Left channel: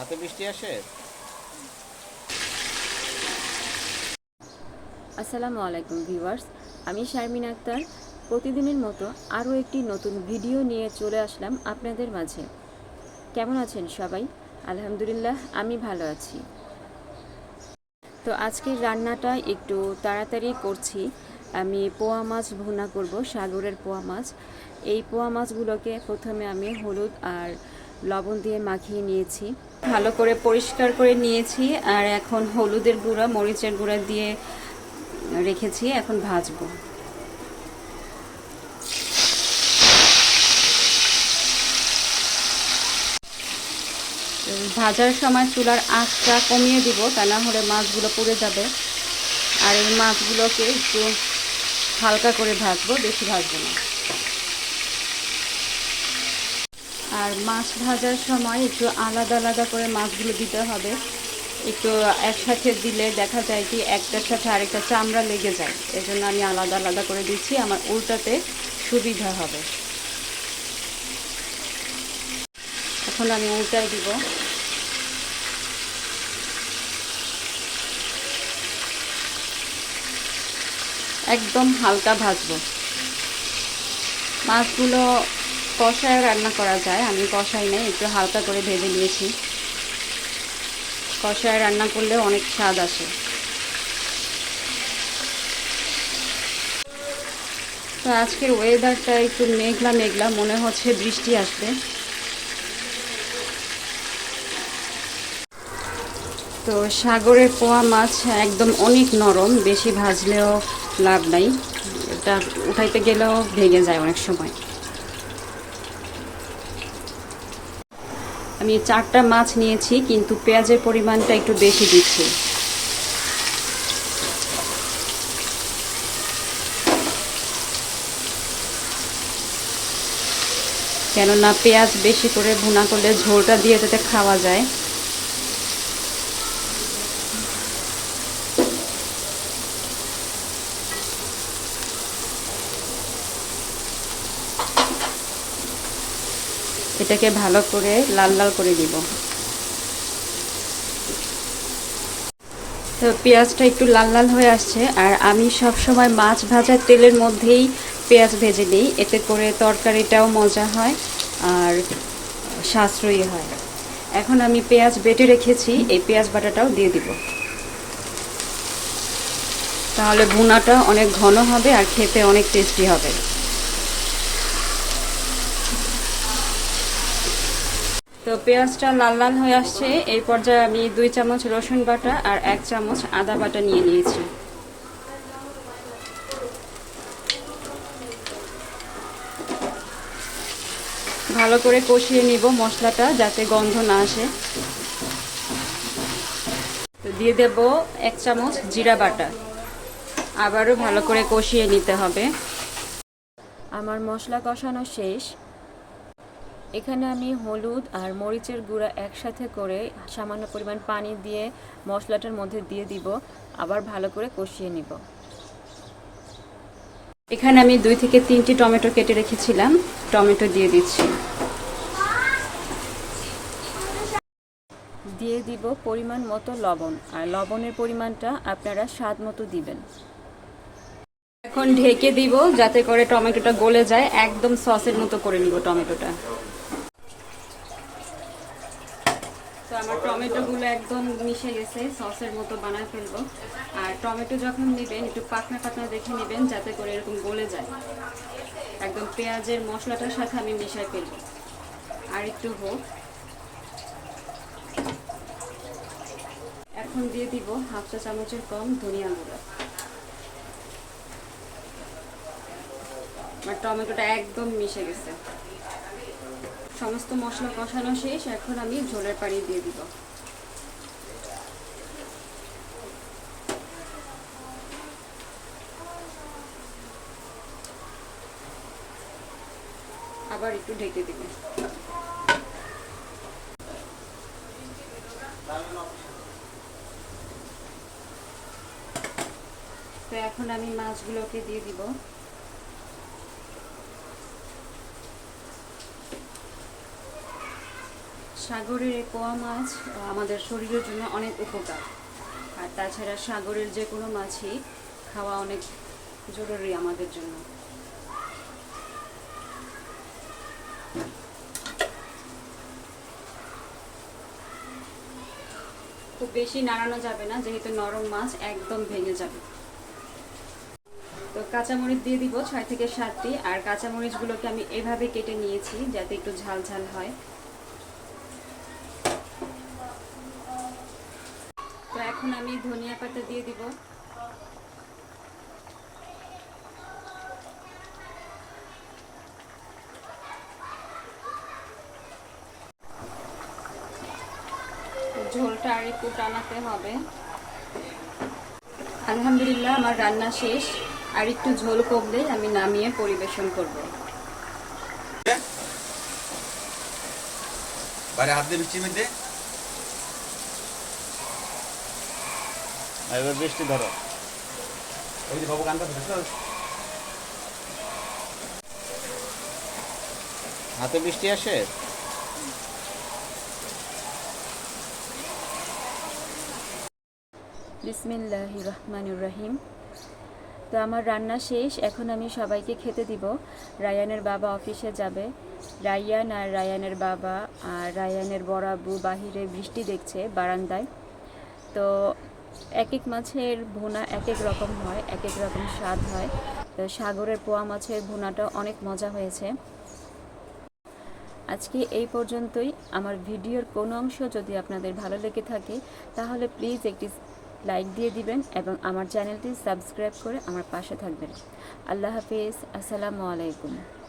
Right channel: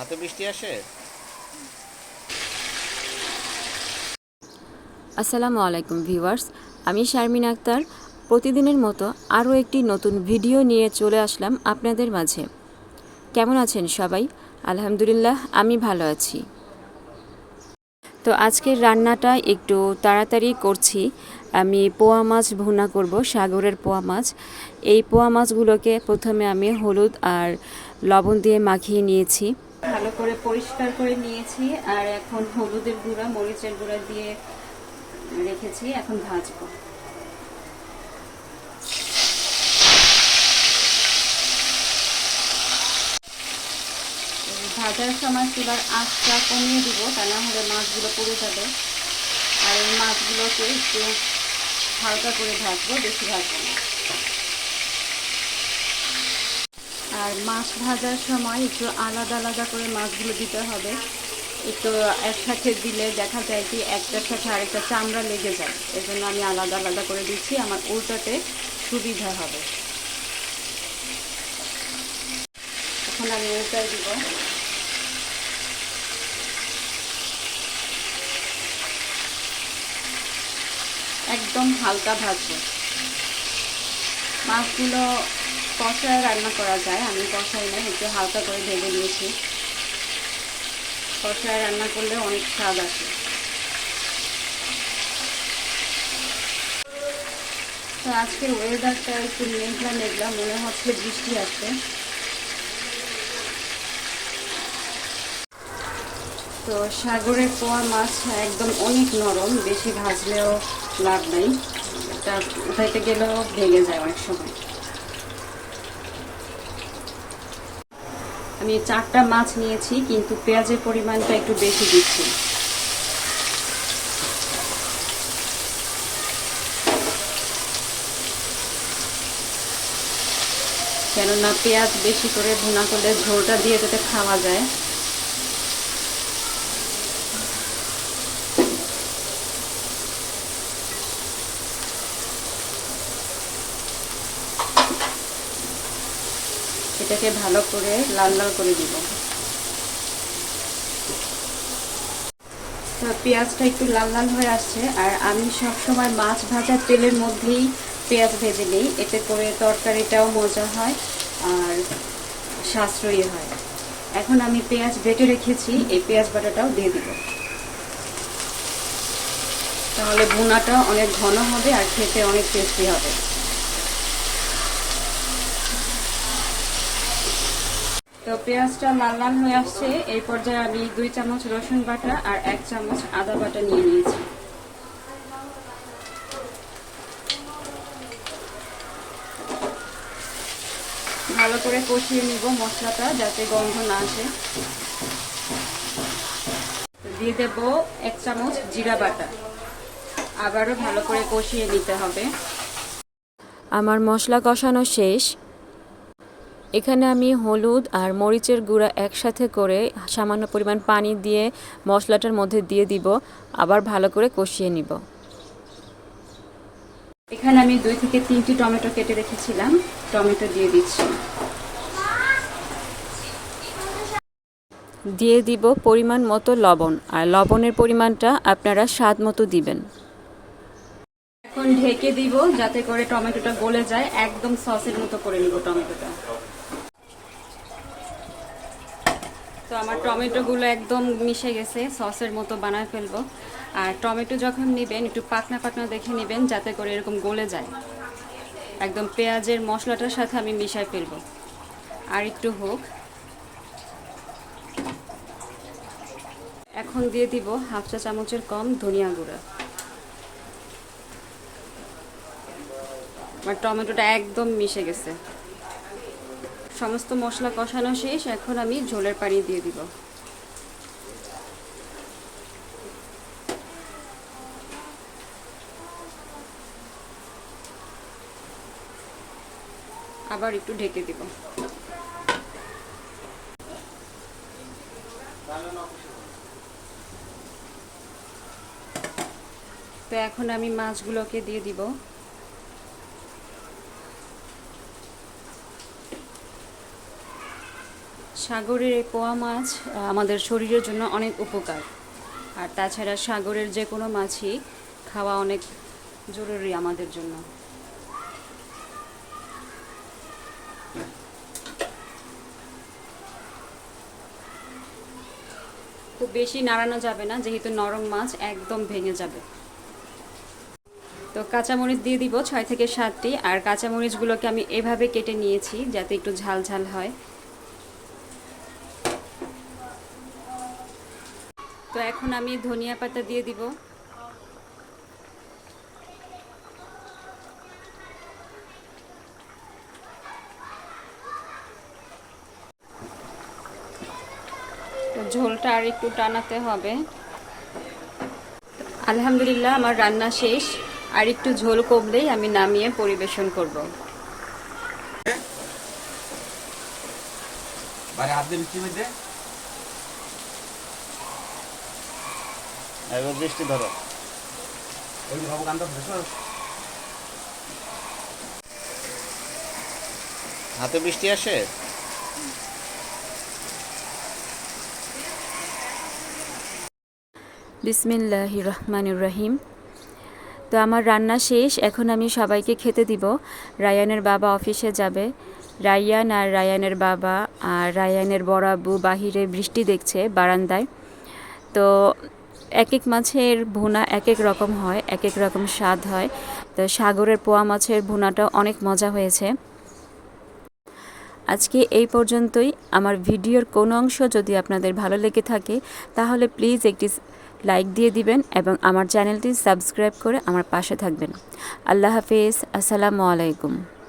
হাতে বৃষ্টি আসে? আসসালামু আলাইকুম ভিউয়ার্স, আমি শারমিন আক্তার। প্রতিদিনের মতো আরও একটি নতুন ভিডিও নিয়ে চলে আসলাম আপনাদের মাঝে। কেমন আছেন সবাই? আলহামদুলিল্লাহ, আমি ভালো আছি। তো আজকের রান্নাটা একটু তাড়াতাড়ি করছি। আমি পোয়া মাছ ভুনা করব, সাগরের পোয়া মাছ। এই পোয়া মাছগুলোকে প্রথমে আমি হলুদ আর লবণ দিয়ে মাখিয়ে নিয়েছি। ভালো করে পরিষ্কার করে নিয়েছি, আর এখন হলুদের গুঁড়া, মরিচের গুঁড়া দিয়ে রেখেছি, এখন ভাজবো। ভাজার সময় চুলার আঁচটা কমিয়ে দিব, তা না হলে মাছগুলো পুড়ে যাবে। আর এই মাছগুলোকে একটু হালকা করে ভাজবো, বেশি ভাজবো না। আর মাছ ভাজার সময় একটু আলাদা আলাদা করে মাছগুলো দিতে হবে। একটু একসাথে দিলে দেখা যায় কি একটার সাথে আরেকটা চামড়া লেগে যায়। এজন্য আমি আলাদা আলাদা করে দিচ্ছি, আমার উল্টাতে সুবিধা হবে। এখন আমি উল্টাই দিব। একদম হালকা ভাজবো। মাছগুলো কষায় রান্না করা যায়, আমি কষাই নাই, একটু হালকা করে ভেজে নিয়েছি। কষায় রান্না করলে অনেক স্বাদ আসে। তো আজকের ওয়েদারটা একটু মেঘলা মেঘলা, মনে হচ্ছে বৃষ্টি আসবে। তো সাগরের পোয়া মাছ একদম অনেক নরম, বেশি ভাজলেও লাভ নাই। এটা উঠাইতে গেলেও ভেঙে যায় অনেক সময়। আমি চারটা মাছ নিয়েছি, কিন্তু পেঁয়াজের পরিমাণটা একটু বেশি দিচ্ছি। কেননা পেঁয়াজ বেশি করে ভুনা করলে ঝোলটা দিয়ে যাতে খাওয়া যায়। এটাকে ভালো করে লাল লাল করে দিব। তো পেঁয়াজটা একটু লাল লাল হয়ে আসছে, আর আমি সব সময় মাছ ভাজার তেলের মধ্যেই পেঁয়াজ ভেজে নিই, এতে করে তরকারিটাও মজা হয় আর সাশ্রয়ী হয়। এখন আমি পেঁয়াজ বেটে রেখেছি, এই পেঁয়াজ বাটাটাও দিয়ে দিব। তাহলে ভুনাটা অনেক ঘন হবে আর খেতে অনেক টেস্টি হবে। পেঁয়াজটা লাল লাল হয়ে আসছে। এই পর্যায়ে আমি দুই চামচ রসুন বাটা আর এক চামচ আদা বাটা নিয়ে নিয়েছি। ভালো করে কষিয়ে নিব মশলাটা যাতে গন্ধ না আসে। দিয়ে দেব এক চামচ জিরা বাটা। আবারও ভালো করে কষিয়ে নিতে হবে। আমার মশলা কষানো শেষ। এখানে আমি হলুদ আর মরিচের গুঁড়া একসাথে করে সামান্য পরিমাণ পানি দিয়ে মশলাটার মধ্যে দিয়ে দিব, আবার ভালো করে কষিয়ে নিব। এখানে আমি দুই থেকে তিনটি টমেটো কেটে রেখেছিলাম, টমেটো দিয়ে দিচ্ছি। দিয়ে দিব পরিমাণ মতো লবণ, আর লবণের পরিমাণটা আপনারা স্বাদ মতো দিবেন। এখন ঢেকে দিব, যাতে করে টমেটোটা গলে যায়, একদম সসের মতো করে নিব টমেটোটা তো আমার টমেটোগুলো একদম মিশে গেছে, সসের মতো বানায় ফেলব। আর টমেটো যখন নেবেন, একটু পাতনা পাতনা দেখে নেবেন, যাতে করে এরকম গলে যায়। একদম পেঁয়াজের মশলাটার সাথে আমি মিশাই ফেলব। আর একটু হোক। এখন দিয়ে দিব হাফ চা চামচের কম ধনিয়া গুঁড়া। আমার টমেটোটা একদম মিশে গেছে। সমস্ত মশলা কষানো শেষ, এখন আমি ঝোলের পানি দিয়ে দিব। আবার একটু ঢেকে দিব। তো এখন আমি মাছগুলোকে দিয়ে দিব। সাগরের এই পোয়া মাছ আমাদের শরীরের জন্য অনেক উপকার। আর তাছাড়া সাগরের যে কোনো মাছই খাওয়া অনেক জরুরি আমাদের জন্য। খুব বেশি নাড়ানো যাবে না, যেহেতু নরম মাছ একদম ভেঙে যাবে। তো কাঁচামরিচ দিয়ে দিব ছয় থেকে সাতটি, আর কাঁচামরিচগুলোকে আমি এভাবে কেটে নিয়েছি যাতে একটু ঝাল ঝাল হয়। এখন আমি ধনিয়া পাতা দিয়ে দিব। ঝোলটা আর একটু টানাতে হবে। আলহামদুলিল্লাহ, আমার রান্না শেষ। আর একটু ঝোল কমলেই আমি নামিয়ে পরিবেশন করব। হাত দিয়ে বৃষ্টি মধ্যে এবার বৃষ্টি ধরো। ওই যে বাবু গানটা হাতে বৃষ্টি আসে? বিসমিল্লাহ রহমানুর রহিম। তো আমার রান্না শেষ এখন আমি সবাইকে খেতে দিব। রায়ানের বাবা অফিসে যাবে। রায়ান আর রায়ানের বাবা আর রায়ানের বড় আব্বু বাহিরে বৃষ্টি দেখছে বারান্দায়। তো এক এক মাছের ভুনা এক এক রকম হয় এক এক রকম স্বাদ হয়। তো সাগরের পোয়া মাছের ভুনাটা অনেক মজা হয়েছে। আজকে এই পর্যন্তই। আমার ভিডিওর কোনো অংশ যদি আপনাদের ভালো লেগে থাকে, তাহলে প্লিজ একটি লাইক দিয়ে দিবেন এবং আমার চ্যানেলটি সাবস্ক্রাইব করে আমার পাশে থাকবেন। আল্লাহ হাফিজ। আসসালামু আলাইকুম।